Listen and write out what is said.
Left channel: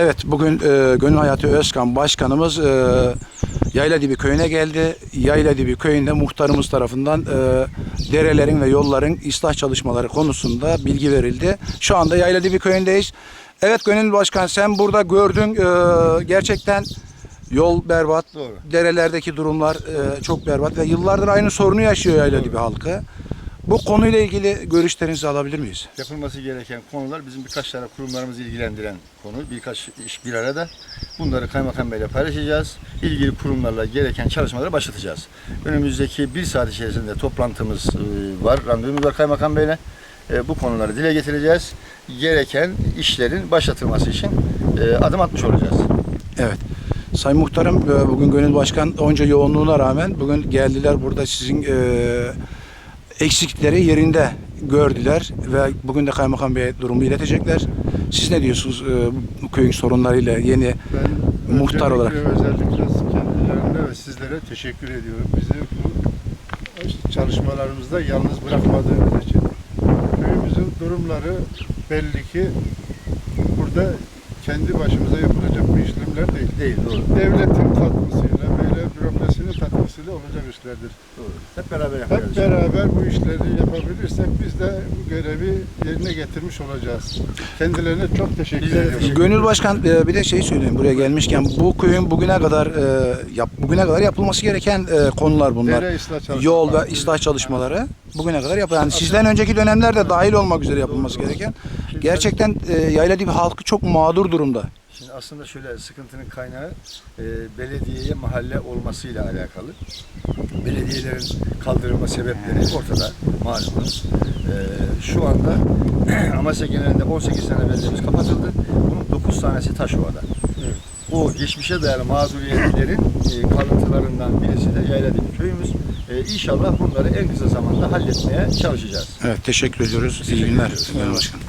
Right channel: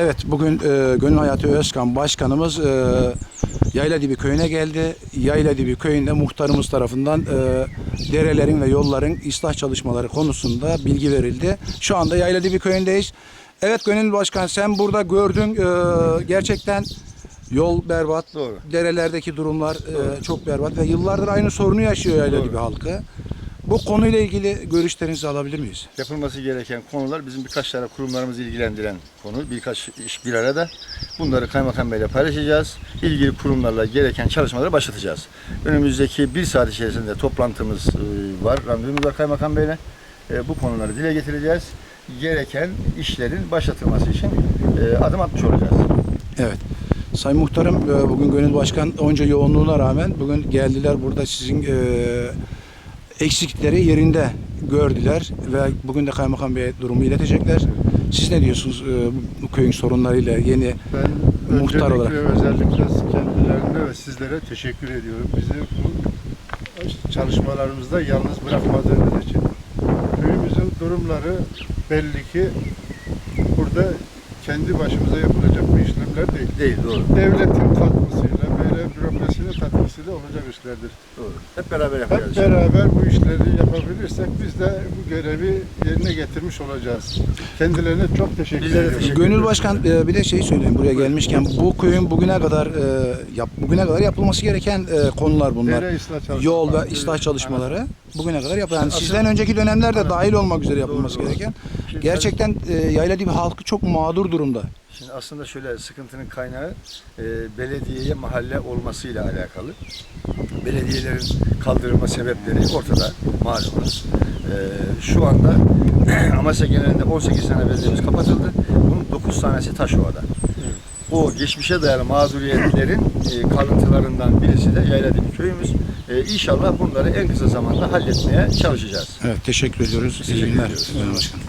Evet, bugün e, Gönül Hayatı Özkan Başkanımız e, Yayladibi köyüne geldi. Yayladibi köyünde muhtarımız tarafından e, derelerin ve yolların ıslah çalışmaları konusunda bilgi verildi. Şu anda Yayladibi köyündeyiz. Evet Gönül Başkan sen burada gördün e, gerçekten yol berbat, Doğru. derelerdeki durumlar e, çok berbat ve yıllardır aynı sorunu yaşıyor Yayladibi halkı. Bu konuyla ilgili görüşlerinizi alabilir miyiz? Yapılması gereken konular bizim birkaç tane kurumlarımızı ilgilendiren konu. Birkaç iş bir arada. Bunları Kaymakam Bey'le paylaşacağız. İlgili kurumlarla gereken çalışmaları başlatacağız. Önümüzdeki bir saat içerisinde toplantımız e, var. Randevumuz var Kaymakam Bey'le. E, Bu konuları dile getireceğiz. Gereken işlerin başlatılması için e, adım atmış olacağız. Evet. Sayın Muhtarım bugün Gönül Başkan onca yoğunluğuna rağmen bugün geldiler burada sizin eksiklikleri yerinde gördüler ve bugün de Kaymakam Bey'e durumu iletecekler. Siz ne diyorsunuz e, bu köyün sorunlarıyla yeni Ben Muhtar olarak. özellikle kendilerine ve sizlere teşekkür ediyorum. Bizi bu çalışmalarımızda yalnız bırakmadığınız için. Köyümüzün durumları belli ki burada kendi başımıza yapılacak bir işlemler değil. Değil, doğru. Devletin katkısıyla, böyle bürokrasinin katkısıyla olacak işlerdir. doğru. Hep beraber yapacağız. Hep beraber bu işleri yapabilirsek biz de bu görevi yerine getirmiş olacağız. Kendilerine çok teşekkür Bizlere ediyorum. teşekkür Gönül Başkan e, bir de şey söyleyeyim buraya gelmişken bu köyün bugüne kadar e, yap, bugüne kadar yapılması gereken e, konular bunlar. Dere ıslah çalışmaları. Yol ve ıslah çalışmaları bugüne kadar yap. Yani sizden önceki dönemlerde dahil olmak üzere yapılması Doğru, doğru. gereken. Gerçekten e, Yayladibi halkı çok mağdur durumda. Şimdi aslında şöyle sıkıntının kaynağı e, belediyeye mahalle olmasıyla alakalı. Belediyelerin kaldırılma sebepleri ortada malumunuz. E, şu anda Amasya genelinde 18 tane belediyemiz kapatıldı. Bunun 9 tanesi Taşova'da. O geçmişe dayalı mağduriyetlerin e, kalıntılarından birisi de Yayladibi köyümüz. E, inşallah bunları en kısa zamanda halletmeye çalışacağız. Evet teşekkür ediyoruz. İyi Teşekkür günler ediyoruz. Gönül Başkan.